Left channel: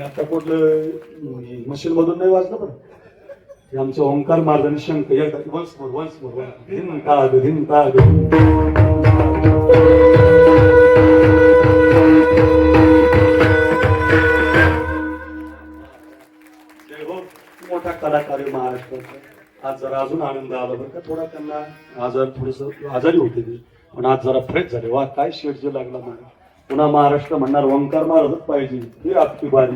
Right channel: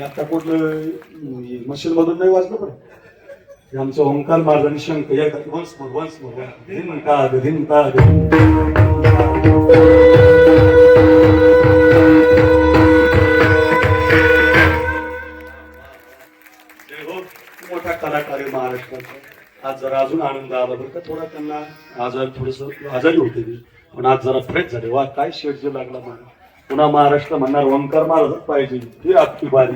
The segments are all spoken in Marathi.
आता कुठलं मशीन मधून नाही वाजलं पण आमचं ओंकार महाराजांनी शंख या वन्स मोर धिन ताग मोठा कलाकार आहे महाराष्ट्राचा. आज जरा अजून आनंद आला बरं का. थोडा त्यांना थोडस आजारी होते ती, पण आज जरा फ्रेश झाले. वा काय शेट जो लागला मला. पुन्हा महाराष्ट्र म्हणणार ओंकार महाराजच पाहिजे. ही आपली बारी.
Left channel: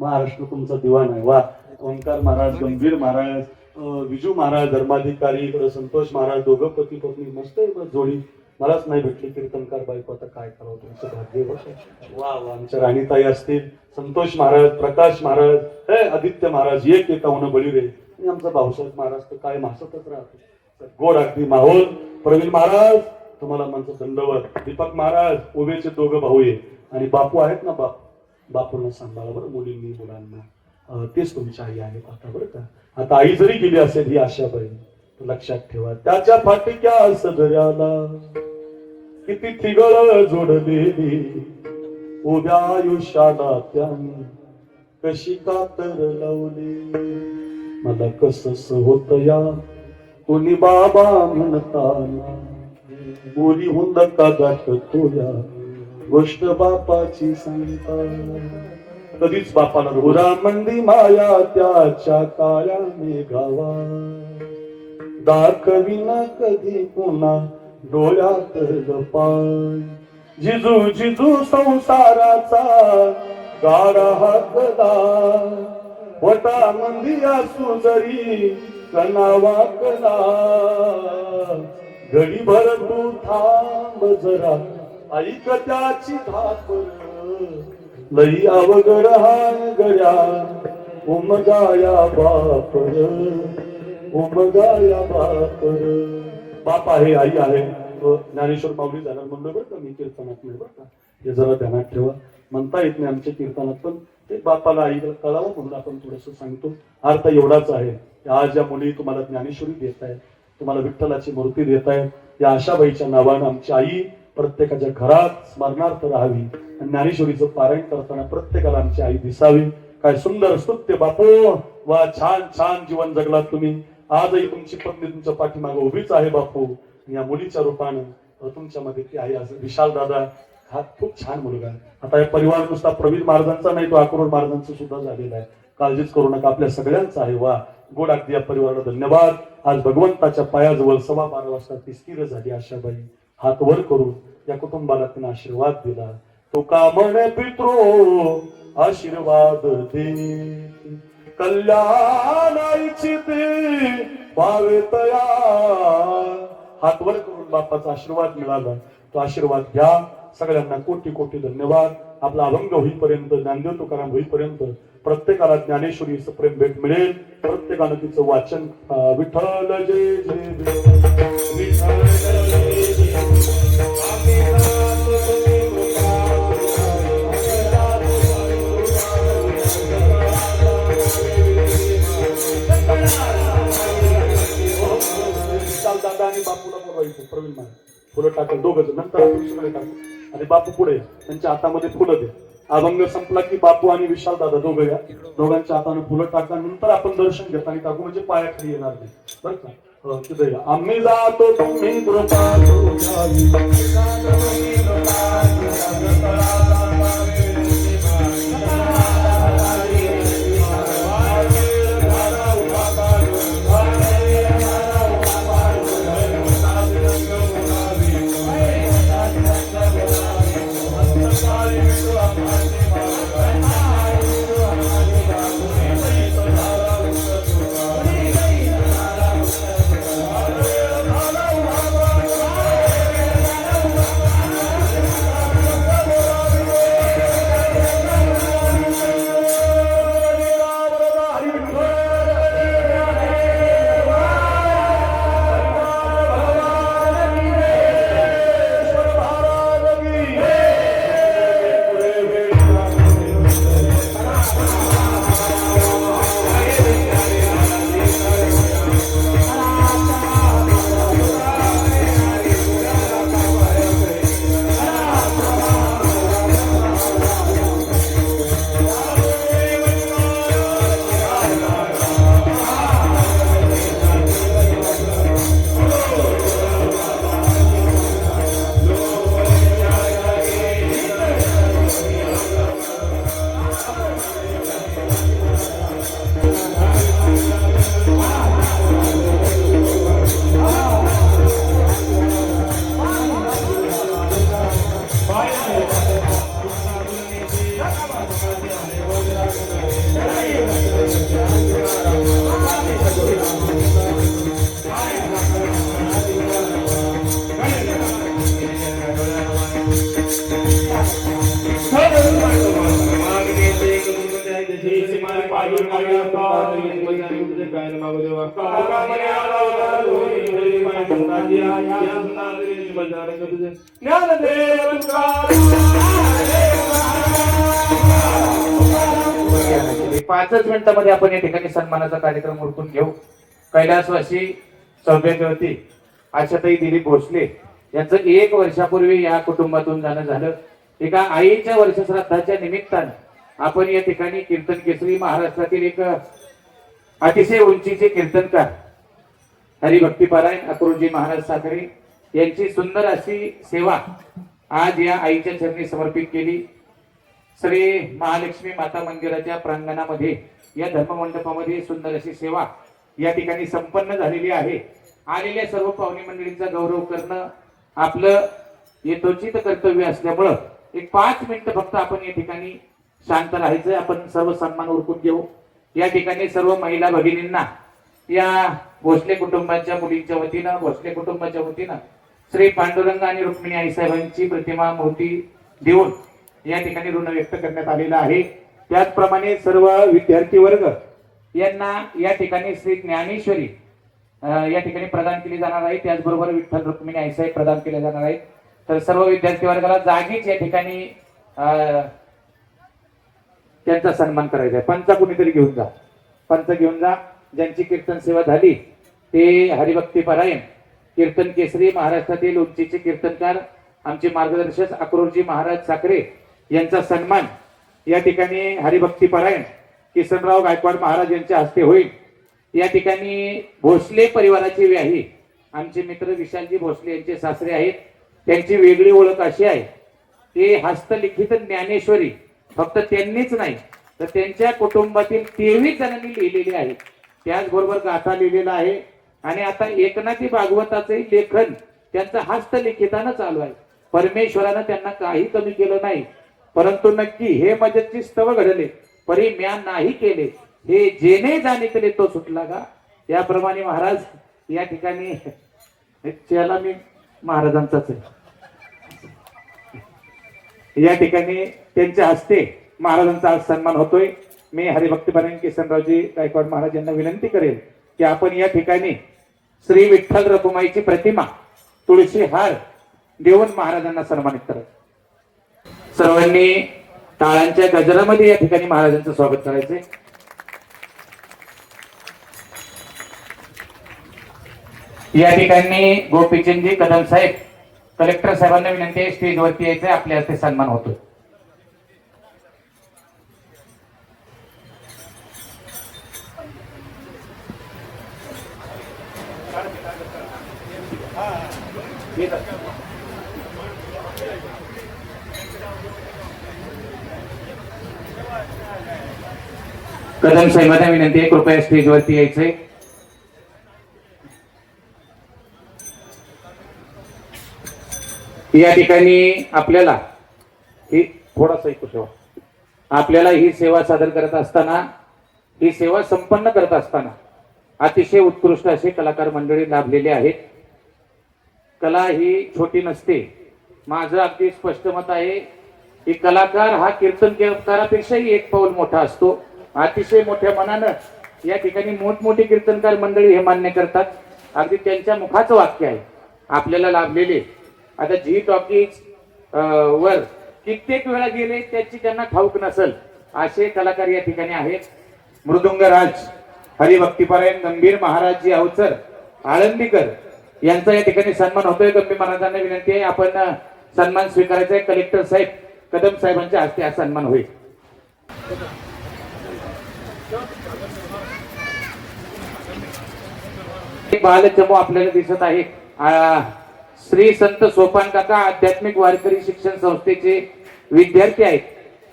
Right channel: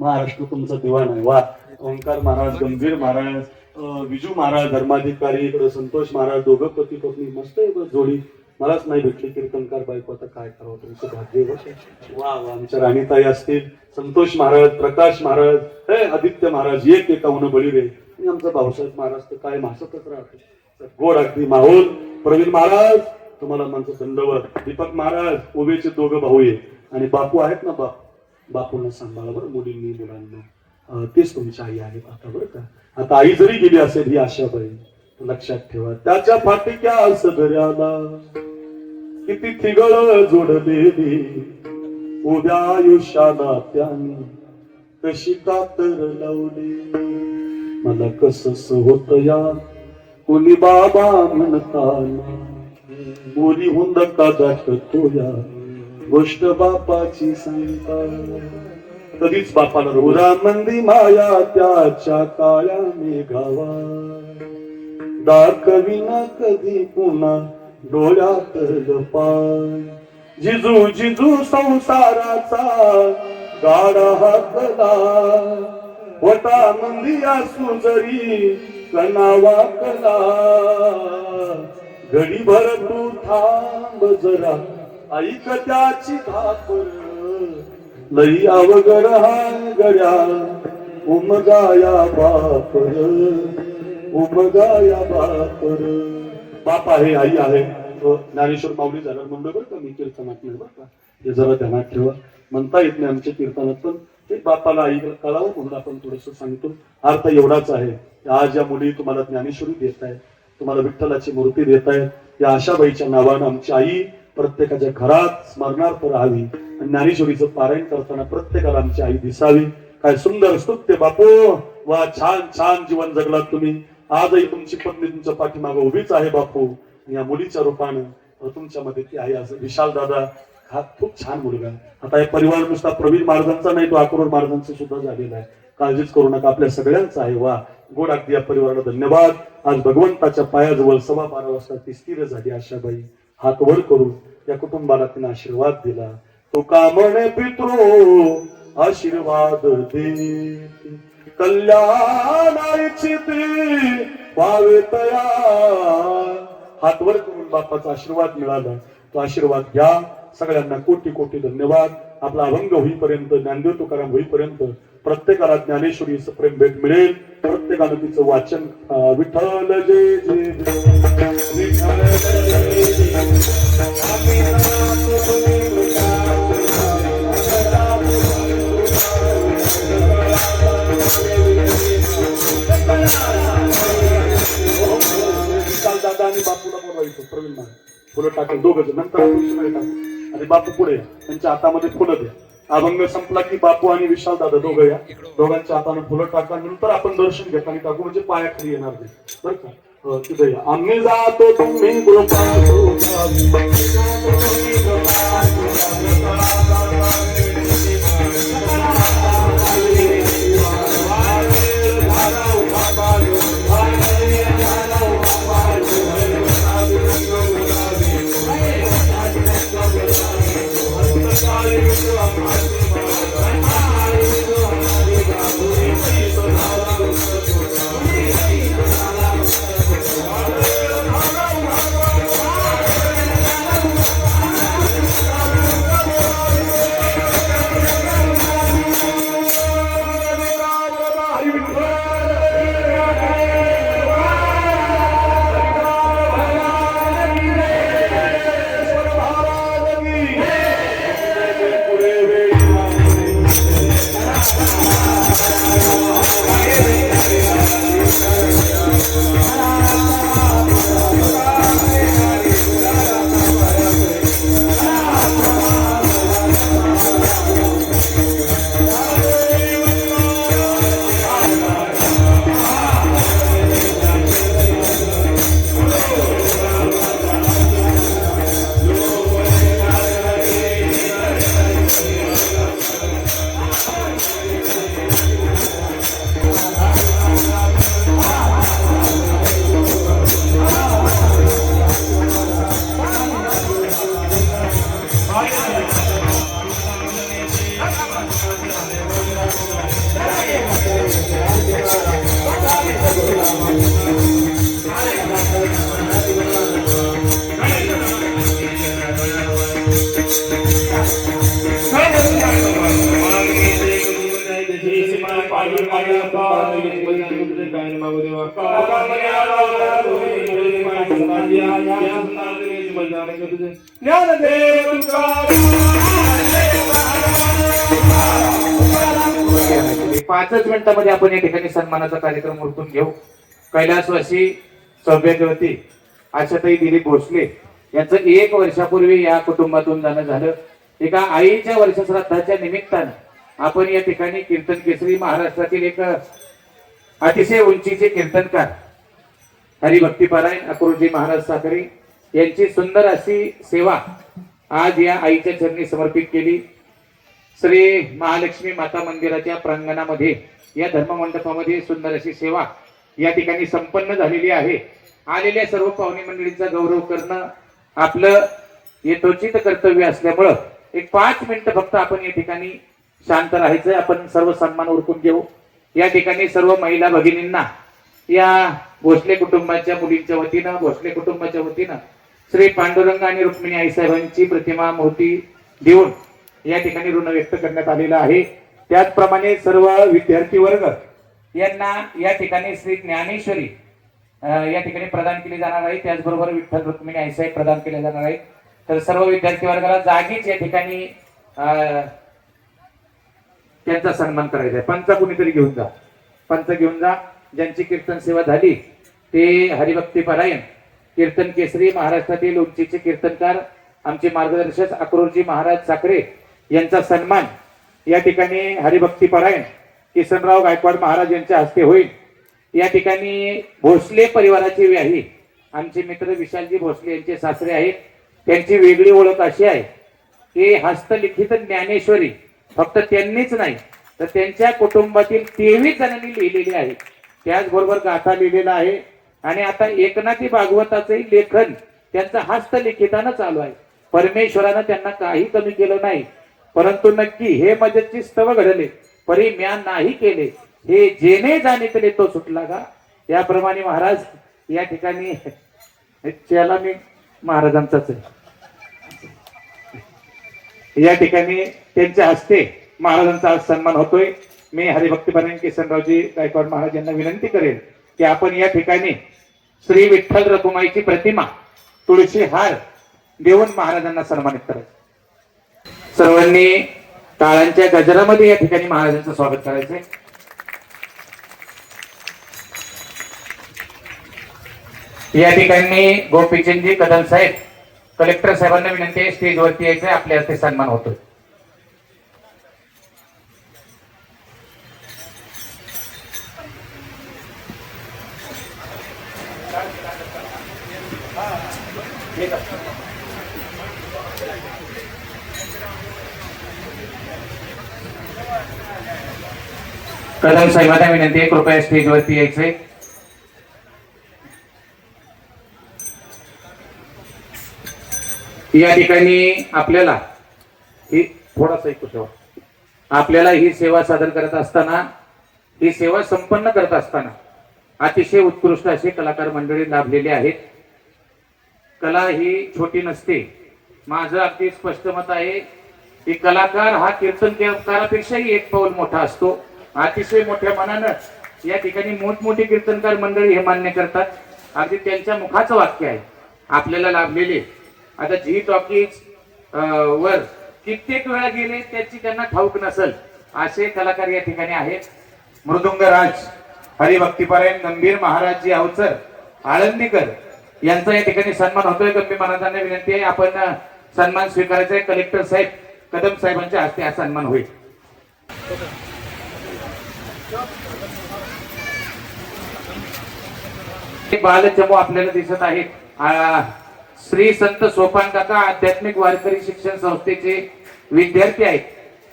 महाराष्ट्र तुमचा दिवाण आहे. वा ओंकार महाराज, गंभीर महाराज, विजू महाराज धर्माधिकारी, इकडे संतोष महाराज, दोघं पती पत्नी मस्त जोडी. मलाच नाही भेटली कीर्तनकार बायको. आता काय करावं, तुमचं भाग्य. वा वा. आमच्या राणीताई असतील, संतोष महाराज, प्रकाश महाराज, हे आदित्य महाराज, एक एकावन्न बळी रे. आमचा भाऊसाहेब महाराज तर काय मासतच राहतो. गोड अगदी माहोल. प्रवीण महाराज तुम्हाला माझं दंडवत. दीपक महाराज, ओबेचे दोघं भाऊ आहे आणि बापू आहेत ना. बापूंना सांभाळा बरं, मुलींनी मुलांना. तेच तुमची आई आहेत आता बरं का. आता आई जरी गेली असेल ही आशाबाई, लक्षात ठेवा. त्याच्या फाटक्या सगळ्याला किती तिगळ जोडलेली. उद्या आयुष्याला त्याने कशी कातर लावली. मला कसस होत या कोणी बाबा म्हणताना. मोरी हुंद कादात तोया गोष्ट बापाची सांगता. कधीच बापाला रुरा मंदी माया त्याच्या काळ्या मेघावा. दाखविना कधी पुन्हा डोळ्यात पाय. जिजू जिजू संसाराचा गाडा हातला. होता मंदी असू जरी कणा वाकला. घडीभर तू थांब जरा ऐक त्याची धापर. लई अवघड हा गड्या उमगाया बापर. उमगाया बापर. बाप आहे, आई आहे. ज्ञानेश्वर माऊली झाला म्हणलं बरं का. मी कीर्तनात नाही बरं का, हे जरा ध्यानात ठेवा. म्हणता येत नाही आमच्या कीर्तनात, पण ते बापाला आईला कळावं म्हणून आपण थोडस सांगतो. अर्थ एवढाच आहे. आज या मुली तुम्हाला ज्ञानेश्वरी देत आहेत, तुम्हाला विठ्ठलाची मूर्ती देत आहेत. या आशाबाईच्या नावानं आमची आई प्रत्येकाच्या घरात स्मरणार्थ राहावी. ज्ञानेश्वरीचं पारायण करताना प्रत्येकाला आमची आई दिसावी. काय सुंदर स्तुत्य बापू. वा छान छान जीवन जगलात तुम्ही. आजही तुमची पत्नी तुमच्या पाठीमागे उभीच आहे बापू. या मुलीच्या रूपानं तुमच्या मध्ये ती आहे. असं विशाल दादा हा खूप छान मुलगा आहे. आता हे परिवार नुसता प्रवीण महाराजांचा नाही, तो अक्रोड महाराजांचा सुद्धा झालेला आहे. काळजीच करू नका, आपल्या सगळ्यांचा आहे. वा गोड अगदी या परिवाराला धन्यवाद. आज भगवंताच्या पायाजवळ 12:15 वाजता ती स्थिर झाली आशाबाई. हात वर करून या कुटुंबाला तिने आशीर्वाद दिला. तो कामणे पितृ आशीर्वाद दे. कल्याणाची ते भावे तया. हात वर करून बापाचा आशीर्वाद मिळाला. तो आशीर्वाद घ्या. सगळ्यांना कोटी कोटी धन्यवाद. आपला अभंग होईपर्यंत, ज्ञानदेव तुकाराम होईपर्यंत प्रत्येकाला ज्ञानेश्वरीचं प्रेम भेट मिळेल. प्रत्येकानं तिचं वाचन विठ्ठल जय जय विठ्ठल दादा आणि बापूला बोलवायचं. प्रवीण फुलं टाकल दोघं नंतर आणि बापू पुढे त्यांच्या हातामध्ये फुलं द्या. अभंग संपला की बापू आणि विशाल दादा दोघं या. दोघांच्या हाताने फुलं टाका. नंतर आपण दर्शन घेता आणि टाकू म्हणजे पायाखाली येणार नाही बरं का. तिथे या. आम्ही जातो तुम्ही पाचच मिनिटांमध्ये आपण या ठिकाणी सन्मानाचा कार्यक्रम उरकून घेऊ. कैलासवासी सौभाग्यवती आशाताई दिलीप भोसले यांचं 1 वर्षापूर्वी या कुटुंबातून जाणं झालं. एका आईच्या वर्षश्राद्धाच्या निमित्तानं आपण या ठिकाणी कीर्तन केसरी महाराष्ट्रातील एक अतिशय उंचीचे कीर्तनकार हरिभक्तीपरायण अक्रोजी महाराज साखरे यांची सुंदर अशी सेवा आज या आईच्या चरणी समर्पित केली. श्री महालक्ष्मी माता मंदिराच्या प्रांगणामध्ये या धर्ममंडपामध्ये सुंदर अशी सेवा या ठिकाणी संपन्न झालेली आहे. आलेल्या सर्व पाहुणे मंडळींचा गौरव करणं आपलं यथोचित कर्तव्य असल्यामुळं एक 5 मिनिटं फक्त आपण या ठिकाणी शांत राहायचं. आपण सर्व सन्मान उरकून घेऊ. या ठिकाणी सर्व महिला भगिनींना या भोसले कुटुंबाच्या मुलींच्या वतीनं भोसले कुटुंबाच्या वतीनं श्री पांडुरंग आणि रुक्मिणी आईसाहेबांची प्रतिमा मूर्ती देऊन या ठिकाणी ऋण व्यक्त करण्यात आलेला आहे. त्याचप्रमाणे सर्व विद्यार्थी वर्ग यांना या ठिकाणी श्री ज्ञानेश्वरी या ठिकाणी प्रदान केली जाणार आहे. त्याचबरोबर विठ्ठल रुक्मिणी आईसाहेब प्रदान केले जाणार आहेत. तर सर्व विद्यार्थी वर्गाला जागीच या ठिकाणी त्यांचा सन्मान करायचा आहे. पंच कुणीतरी घेऊन जा, पंच घेऊन जा. ज्यांची कीर्तन सेवा झाली ते हरिभक्तीपरायण कीर्तन केसरी महाराष्ट्रातील उंचीचे कीर्तनकार आमचे मार्गदर्शक अक्रोजी महाराज साखरे यांचा सन्मान या ठिकाणी हरिभक्तीपरायण किसनराव गायकवाड महाराज यांच्या हस्ते होईल. या ठिकाणी भोसले परिवाराचे व्याही आमचे मित्र विशालजी भोसले यांचे सासरे आहेत. त्यांची वेगळी ओळख अशी आहे की हस्तलिखित ज्ञानेश्वरी फक्त त्यांनीच नाही तर त्यांच्या कुटुंबातील 23 जणांनी लिहिलेली आहे. त्याचबरोबर गाथा लिहिलेला आहे. आणि आता एकनाथी भागवताचे लेखन त्यांचं हस्तलिखितानं चालू आहे. परमेश्वरानं त्यांना काही कमी केलं नाही. परंतु नक्की हे मजतची स्तव घडले परी म्या नाही केले हे जेने जाणे केले तो सुटला का. याप्रमाणे महाराज या ठिकाणी त्याला मी महाराजांचाच या ठिकाणी त्यांच्या हस्ते महाराजांचा आज सन्मान होतोय. मी हरिभक्तीपरायण किसनरावजी गायकवाड महाराज यांना विनंती करेन की आपण या ठिकाणी श्री विठ्ठल रखुमाईची प्रतिमा तुळशी हार देऊन महाराजांना सन्मानित करायचं. सर्वांनी टाळ्यांच्या गजरामध्ये या ठिकाणी महाराजांचं स्वागत करायचंय. या ठिकाणी गोपीचंदजी कदम साहेब कलेक्टर साहेबांना विनंती आहे स्टेजवरती यायचे. आपल्या हस्ते सन्मान होतोय. कदम साहेबांना विनंती आहे कृपया स्टेजवरती यायचे. या ठिकाणी आपल्याला ही थोडासा ऐकू आपल्याला ही सेवा सादर करत असताना ही सेवा संपन्न करत असताना अतिशय उत्कृष्ट असे कलाकार मंडळी लाभलेले आहेत. कला ही छोटी नसते. माझं अगदी स्पष्ट मत आहे की कलाकार हा कीर्तनकारापेक्षाही 1 पाऊल मोठा असतो. अतिशय मोठ्या मनानं या ठिकाणी मोठमोठी कीर्तनकार मंडळी हे मान्य करतात. अगदी त्यांच्या मुखाचं वाक्य आहे आपल्याला लाभलेले. आता झी टॉकीज वर कित्येक वेळा गेले त्याची त्यांना ठाऊक नसेल असे कलाकार या ठिकाणी आहेत. मृदुंगराज हरिभक्तीपरायण गंभीर महाराजजी अवचर आळंदीकर यांचा या ठिकाणी सन्मान होतोय. गंभीर महाराजांना विनंती आहे आपण सन्मान स्वीकारायचा आहे. कलेक्टर साहेब कदम साहेबांच्या हस्ते हा सन्मान होईल. बालचमू आपल्याला दिसत आहेत. श्री संत सोपान काका आध्यात्मिक वारकरी शिक्षण संस्थेचे विद्यार्थी आहेत.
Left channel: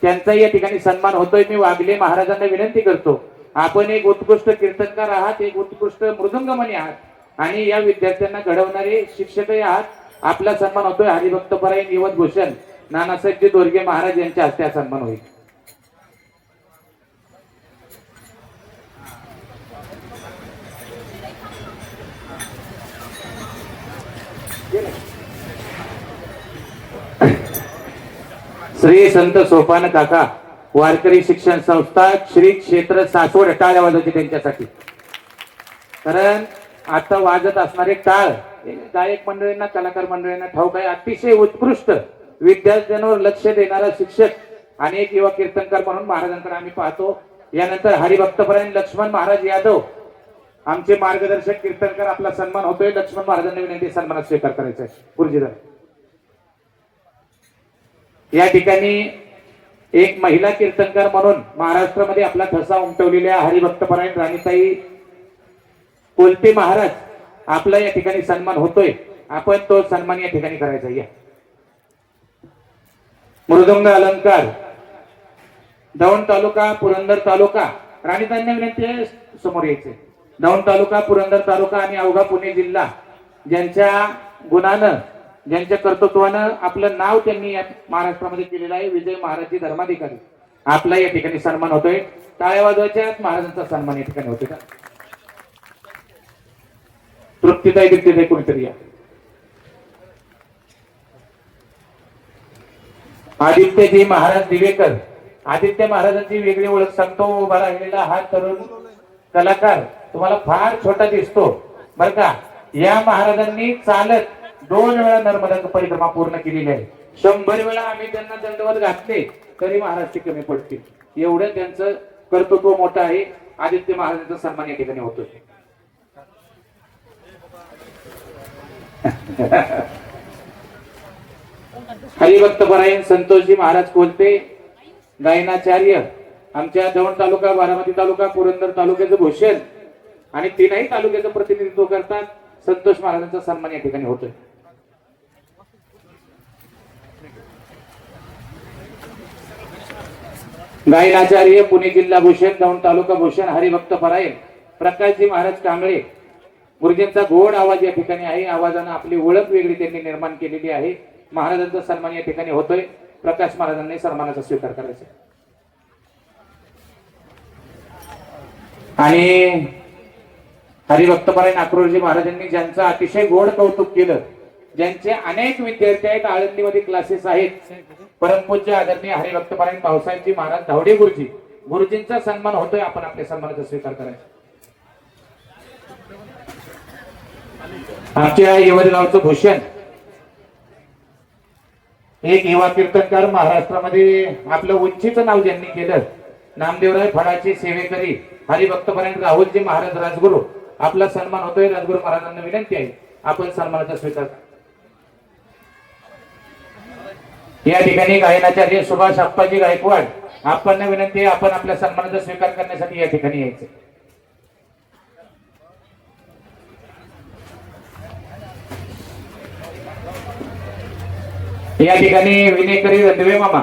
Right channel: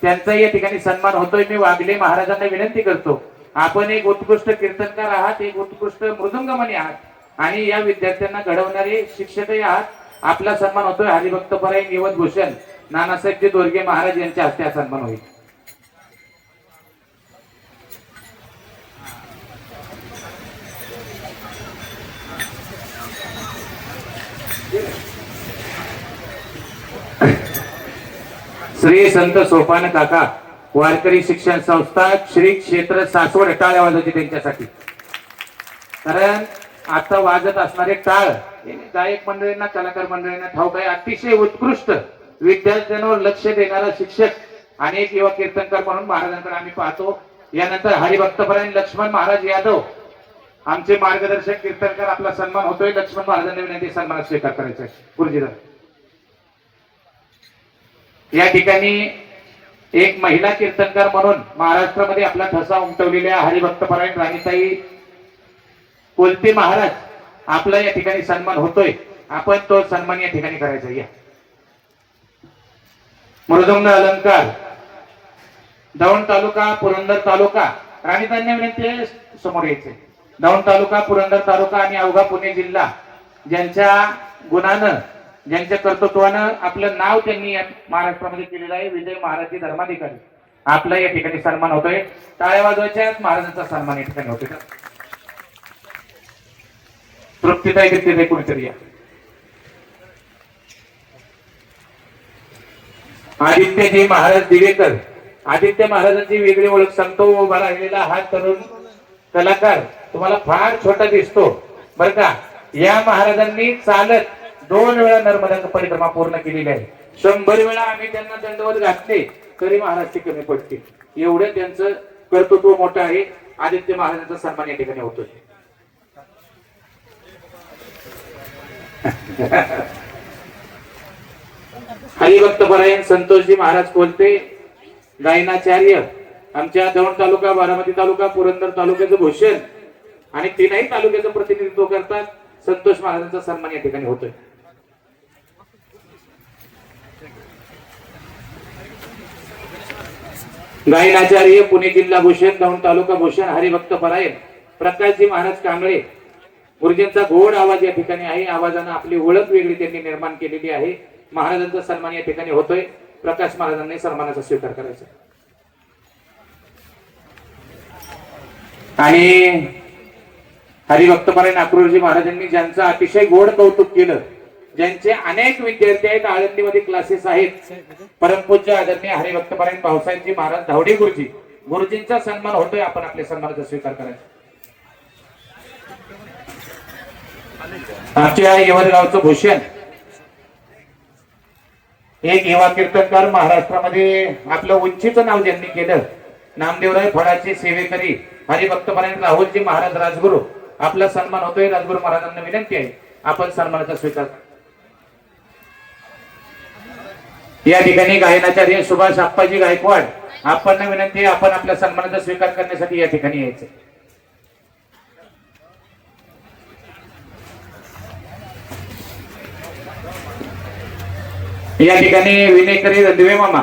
त्यांचा या ठिकाणी सन्मान होतोय. मी वागले महाराजांना विनंती करतो आपण एक उत्कृष्ट कीर्तनकार आहात, एक उत्कृष्ट मृदुंगमणी आहात आणि या विद्यार्थ्यांना घडवणारे शिक्षकही आहात. आपला सन्मान होतोय. हरिभक्तपरायण यवत भूषण नानासाहेबजी दोरगे महाराज यांच्या हस्ते हा सन्मान होईल. श्री संत सोपान काका वारकरी शिक्षण संस्था श्री क्षेत्र सासवड टाळ वाजवते त्यांच्यासाठी. कारण आता वाजत असणारे टाळ गायक मंडळींना कलाकार मंडळींना ठाऊक आहे, अतिशय उत्कृष्ट विद्यार्थ्यांवर लक्ष देणारा शिक्षक आणि एक युवा कीर्तनकार म्हणून महाराजांकडे आम्ही पाहतो. यानंतर हरिभक्तपरायण लक्ष्मण महाराज यादव आमचे मार्गदर्शक कीर्तनकार, आपला सन्मान होतोय. लक्ष्मण महाराजांनी विनंती सन्मान स्वीकार करायचा आहे. गुरुजीला या ठिकाणी एक महिला कीर्तनकार म्हणून महाराष्ट्रामध्ये आपला ठसा उमटवलेल्या हरिभक्तपरायण राणीताई कोलते महाराज आपला या ठिकाणी सन्मान होतोय. आपण तो सन्मान या ठिकाणी करायचा. या मृदंग अलंकार दौंड तालुका पुरंदर तालुका राणीताईंना विनंती समोर यायचे. दौंड तालुका पुरंदर तालुका आणि अवघा पुणे जिल्हा ज्यांच्या गुणानं ज्यांच्या कर्तृत्वानं आपलं नाव त्यांनी महाराष्ट्रामध्ये केलेलं आहे, विजय महाराज धर्माधिकारी आपला या ठिकाणी सन्मान होतोय. टाळ्या वाजवायच्या, महाराजांचा सन्मान या ठिकाणी होतोय. तृप्तीताई दिसते कोणीतरी या. आदित्यजी महाराज दिवेकर, आदित्य महाराजांची वेगळी ओळख सांगतो. उभा राहिलेला हा तरुण कलाकार तुम्हाला फार छोटा दिसतो बर का. या महाराजांनी चालत 2 वेळा नर्मदा परिक्रमा पूर्ण केलेली आहे. 100 वेळा आम्ही त्यांना दंडवत घातले तरी महाराज ती कमी पडतील, एवढं त्यांचं कर्तृत्व मोठं आहे. आदित्य महाराजांचा सन्मान या ठिकाणी होतोय. हरिभक्तपरायण संतोषजी महाराज कोलते गायनाचार्य आमच्या दौंड तालुका, बारामती तालुका, पुरंदर तालुक्याचं भूषण आणि 3ही तालुक्याचं प्रतिनिधित्व करतात. संतोष महाराजांचा सन्मान या ठिकाणी होतोय. गायनाचार्य पुणे जिल्हा भूषण, दौंड तालुका भूषण, हरिभक्तपरायण प्रकाशजी महाराज कांबळे गुरुजींचा गोड आवाज या ठिकाणी आहे. आवाजानं आपली ओळख वेगळी त्यांनी निर्माण केलेली आहे. महाराजांचा सन्मान या ठिकाणी होतोय. प्रकाश महाराजांनी सन्मानाचा स्वीकार करायचा. आणि हरिभक्तपरायण अक्रोळजी महाराजांनी ज्यांचं अतिशय गोड कौतुक केलं, ज्यांचे अनेक विद्यार्थी आहेत, आळंदीमध्ये क्लासेस आहेत, परमपूज्य आदरणीय हरिभक्तपरायण भाऊसाहेबजी महाराज धावडे गुरुजी, गुरुजींचा सन्मान होतोय. आपण आपल्या सन्मानाचा स्वीकार करायचा. आमच्या यवतगावचं भूषण एक युवा कीर्तनकार, महाराष्ट्रामध्ये आपलं उंचीचं नाव ज्यांनी केलं, नामदेवराय फळाचे सेवेकरी हरिभक्तपरायण राहुलजी महाराज राजगुरू आपला सन्मान होतोय. राजगुरू महाराजांना विनंती आहे आपण सन्मानाचा स्वीकार. या ठिकाणी गायनाचार्य सुभाष आप्पाजी गायकवाड आपण विनंती आहे आपण आपल्या सन्मानाचा स्वीकार करण्यासाठी या ठिकाणी यायचं. या ठिकाणी विनयकरी रणदिवे मामा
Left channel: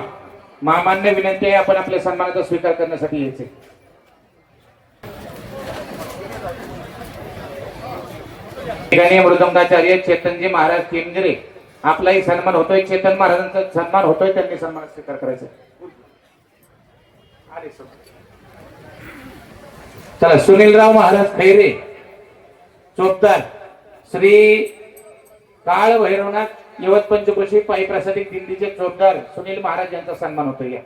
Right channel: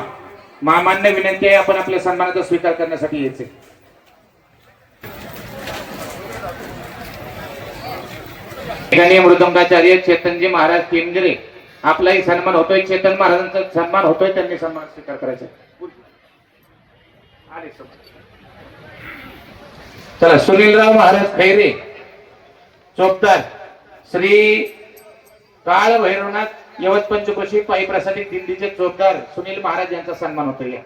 मामांना विनंती आहे आपण आपल्या सन्मानाचा स्वीकार करण्यासाठी यायचे. ठिकाणी मृदंगाचार्य चेतनजी महाराज केंद्रे आपलाही सन्मान होतोय. चेतन महाराजांचा सन्मान होतोय, त्यांनी सन्मान स्वीकार करायचा. चला सुनीलराव महाराज खैरे चोपदार श्री काळ भैरवनाथ यवत पंचकोशी पायी प्रसादित दिंडीचे चोपदार सुनील महाराज यांचा सन्मान होतोय.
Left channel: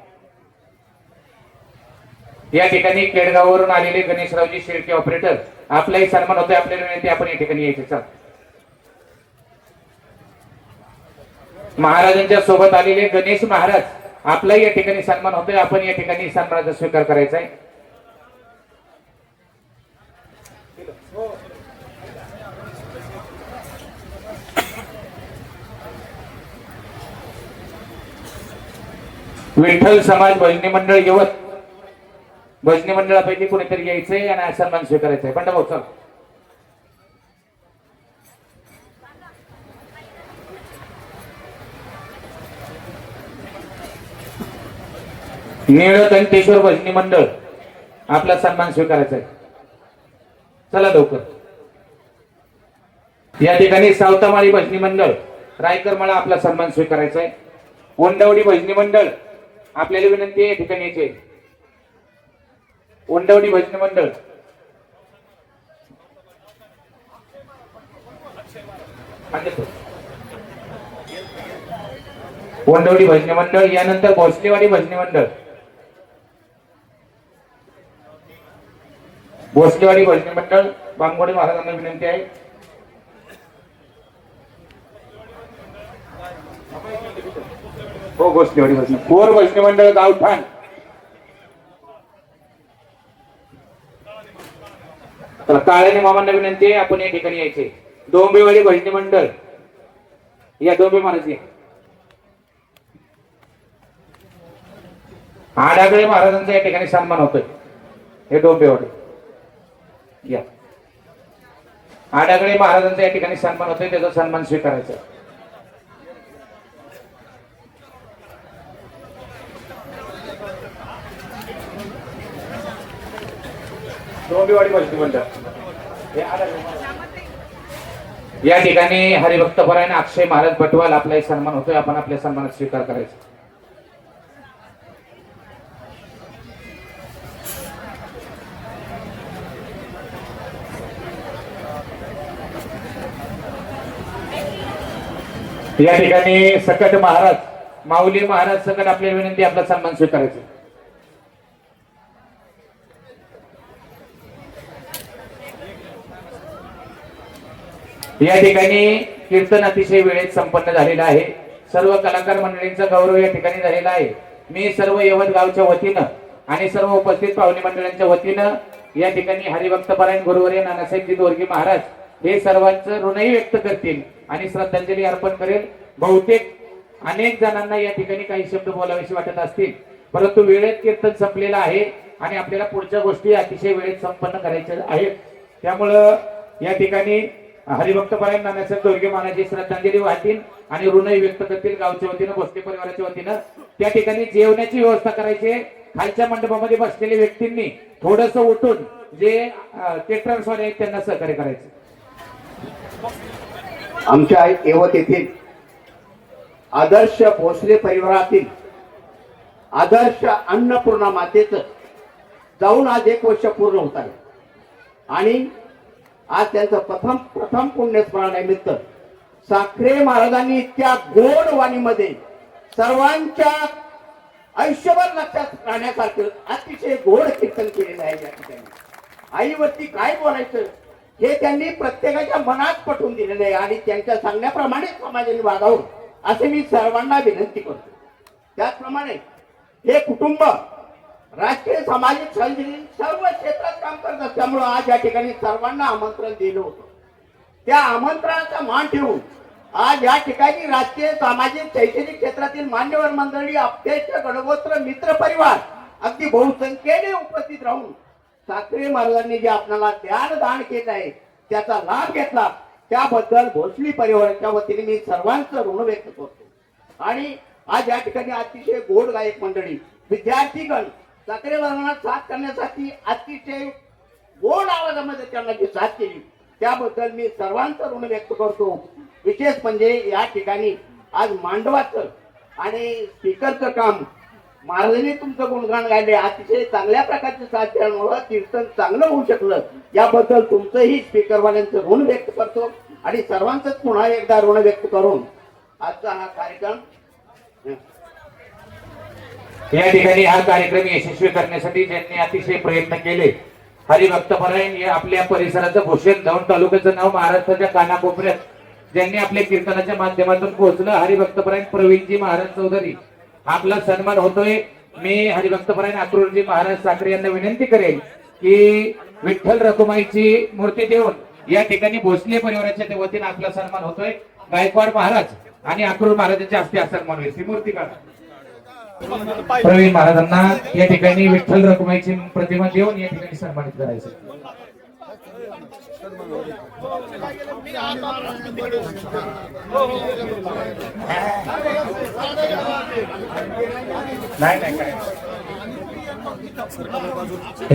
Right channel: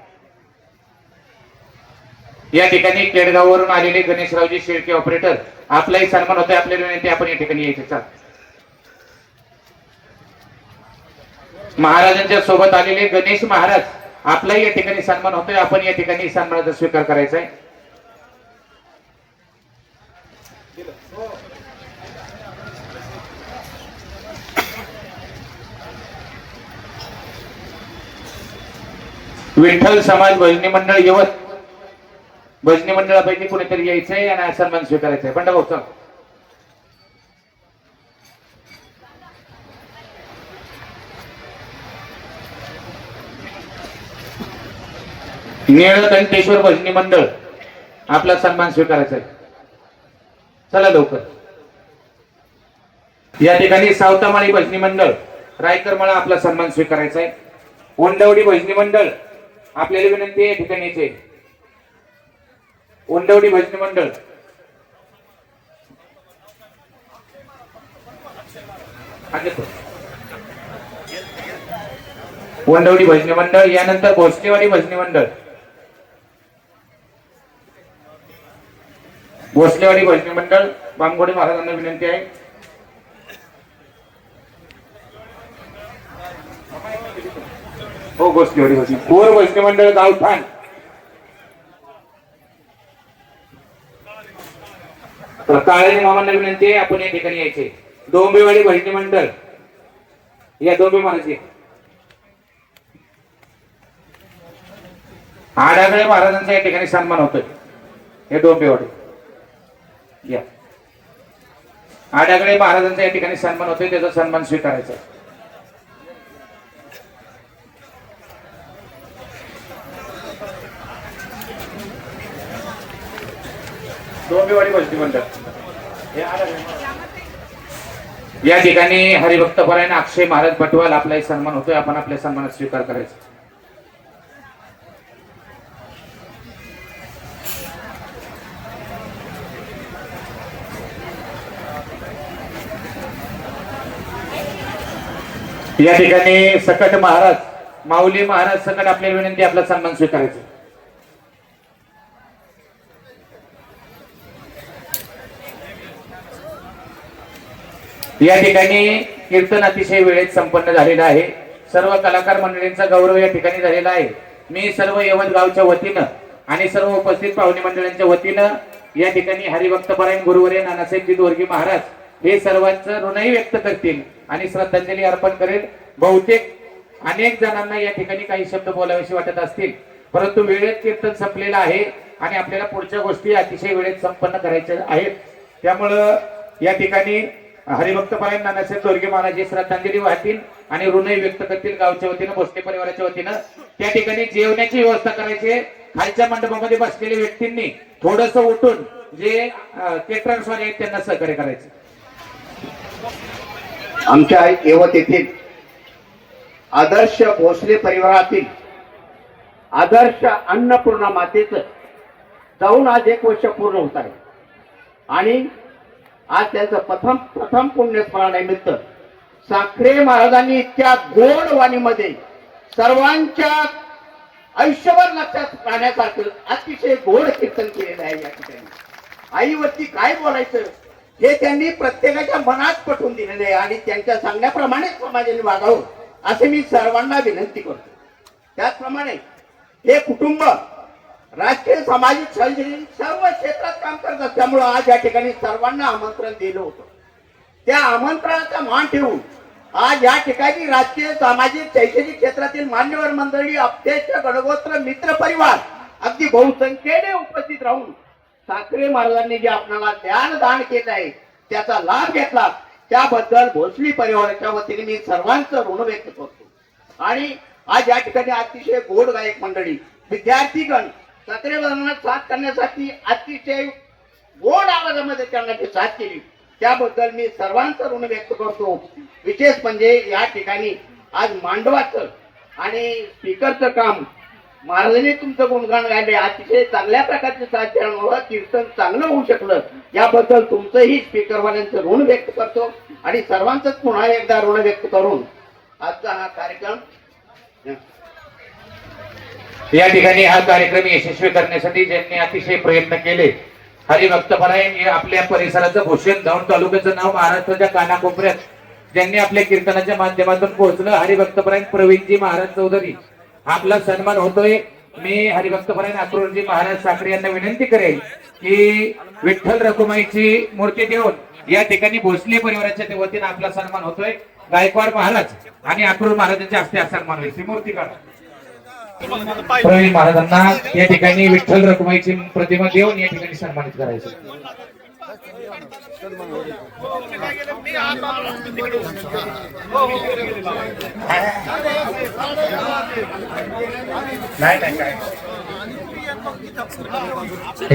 या ठिकाणी केडगाववरून आलेले गणेशरावजी शेळके ऑपरेटर आपलाही सन्मान होतोय. आपल्याला विनंती आपण या ठिकाणी यायचे. महाराजांच्या सोबत आलेले गणेश महाराज आपलाही या ठिकाणी सन्मान होतोय. आपण या ठिकाणी सन्मानाचा स्वीकार करायचा आहे. विठ्ठल समाज भजनी मंडळ यवत भजनी मंडळापैकी कुणीतरी यायचंय आणि सन्मान स्वीकारायचा आहे. बंडा भाऊ चल. निळकंठेश्वर भजनी मंडळ आपला सन्मान स्वीकारायचा आहे. चला लवकर. या ठिकाणी सावतामाळी भजनी मंडळ रायकरमाळा आपला सन्मान स्वीकारायचा आहे. ओंडवडी भजनी मंडळ आपल्याला विनंती आहे या ठिकाणी यायचे. ओंडवडी भजनी मंडळ ओंडवडी भजनी मंडळ. यानंतर भोसलेवाडी भजनी मंडळ भोसलेवाडी भजनी मंडळ बांगोडे महाराजांना विनंती आहे. हो भोसलेवाडी भजनी कोर भजनी मंडळ गावठाण. तर काळ्याने मामांना विनंती आहे आपण या ठिकाणी यायचे. डोंबिवली भजनी मंडळ या डोंबी महाराज आडागळे महाराजांचा या ठिकाणी सन्मान होतोय. हे डोंबिवली या आडागळे महाराजांचा या ठिकाणी सन्मान होतोय, त्याचा सन्मान स्वीकारायचा. डोंबिवली भजनी मंडळ या ठिकाणी हरिभक्त परायण अक्षय महाराज भटवाल आपला सन्मान होतोय, आपण आपल्या सन्मानात स्वीकार करायचा. या ठिकाणी सकट महाराज माऊली महाराज सकट आपल्या विनंती आपला सन्मान स्वीकारायचा. या ठिकाणी कीर्तन अतिशय वेळेत संपन्न झालेलं आहे. सर्व कलाकार मंडळींचा गौरव या ठिकाणी झालेला आहे. मी सर्व यवत गावच्या वतीनं आणि सर्व उपस्थित पाहुणे मंडळांच्या वतीनं या ठिकाणी हरिभक्त परायण गुरुवर्य नानासाहेबजी दोरगे महाराज हे सर्वांचं ऋणही व्यक्त करतील आणि श्रद्धांजली अर्पण करेल. बहुतेक अनेक जणांना या ठिकाणी काही शब्द बोलावेसे वाटत असतील, परंतु वेळेत कीर्तन संपलेलं आहे आणि आपल्याला पुढच्या गोष्टी अतिशय वेळेत संपन्न करायच्या आहेत. त्यामुळं या ठिकाणी हरिभक्त परायण नानासाहेब दोरगे महाराज हे श्रद्धांजली वाहतील आणि ऋणही व्यक्त करतील. गावच्या वतीनं भोसले परिवाराच्या वतीनं त्या ठिकाणी जेवणाची व्यवस्था करायची. खालच्या मंडपामध्ये बसलेल्या व्यक्तींनी थोडस उठून जे केटरर्स वाले आहेत त्यांना सहकार्य करायचं. आमच्या येवत येथील आदर्श भोसले परिवारातील आदर्श अन्नपूर्णा मातेचं जाऊन आज 1 वर्ष पूर्ण होत आहे आणि आज त्यांचं प्रथम पुण्यस्मरणानिमित्त साखरे महाराजांनी इतक्या गोड वाणीमध्ये सर्वांच्या आयुष्यभर लक्षात राहण्यासारखं अतिशय गोड कीर्तन केलेलं आहे. या ठिकाणी आईवरती काय बोलायचं हे त्यांनी प्रत्येकाच्या मनात पटवून दिलेले आहे आणि त्यांच्या सांगण्याप्रमाणे समाजाने वागावं असे मी सर्वांना विनंती करतो. त्याचप्रमाणे हे कुटुंब राष्ट्रीय सामाजिक सर्व क्षेत्रात काम करत असल्यामुळं आज या ठिकाणी सर्वांना आमंत्रण दिलं होतं. त्या आमंत्रणाचा मान ठेवून आज या ठिकाणी राजकीय सामाजिक शैक्षणिक क्षेत्रातील मान्यवर मंडळी अध्यक्ष गणगोत्र मित्र परिवार अगदी बहुसंख्येने उपस्थित राहून साखरे महाराजांनी जे आपल्याला ज्ञानदान केलं आहे त्याचा लाभ घेतला त्याबद्दल भोसली परिवाराच्या वतीने मी सर्वांचं ऋण व्यक्त करतो. आणि आज या ठिकाणी अतिशय गोड गायक मंडळी विद्यार्थीगण साखरे महाराजांना साथ करण्यासाठी अतिशय गोड आवाजामध्ये त्यांना जी साथ केली त्याबद्दल मी सर्वांचं ऋण व्यक्त करतो. विशेष म्हणजे या ठिकाणी आज मांडवाचं आणि स्पीकरचं काम महाराजांनी तुमचं गुणगान गायले. अतिशय चांगल्या प्रकारचे साथ देण्यामुळे कीर्तन चांगलं होऊ शकलं याबद्दल तुमचंही स्पीकरवाल्यांचं ऋण व्यक्त करतो आणि सर्वांचंच पुन्हा एकदा ऋण व्यक्त करून आजचा हा कार्यक्रम या ठिकाणी हा कार्यक्रम यशस्वी करण्यासाठी ज्यांनी अतिशय प्रयत्न केले हरिभक्त परायण हे आपल्या परिसराचं भूषण दौंड तालुक्याचं नाव महाराष्ट्राच्या कानाकोपऱ्यात ज्यांनी आपल्या कीर्तनाच्या माध्यमातून पोहोचलं हरिभक्त परायण प्रवीणजी महाराज चौधरी आपला सन्मान होतोय. मी हरिभक्त परायण अक्रूरजी महाराज साखरे यांना विनंती करेल की विठ्ठल रखुमाईची मूर्ती देऊन या ठिकाणी भोसले परिवाराच्या वतीने आपला सन्मान होतोय. गायकवाड महाराज आणि अक्रूर महाराजांच्या हस्ते सन्मान होईल. ती मूर्ती काढा. प्रवीण महाराजांना या ठिकाणी विठ्ठल रखुमाईची प्रतिमा देऊन या ठिकाणी सन्मानित करायचं. नाही काय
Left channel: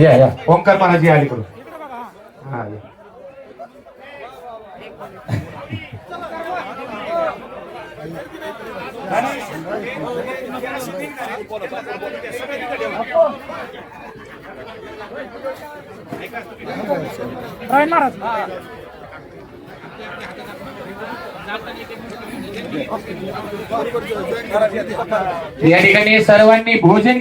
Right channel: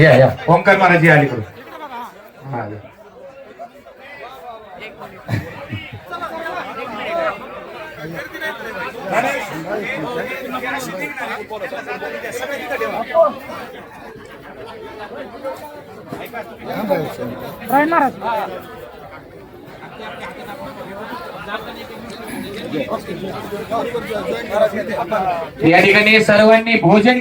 या ओंकार महाराज आली करू. हा या ठिकाणी सर्वांनी भोजन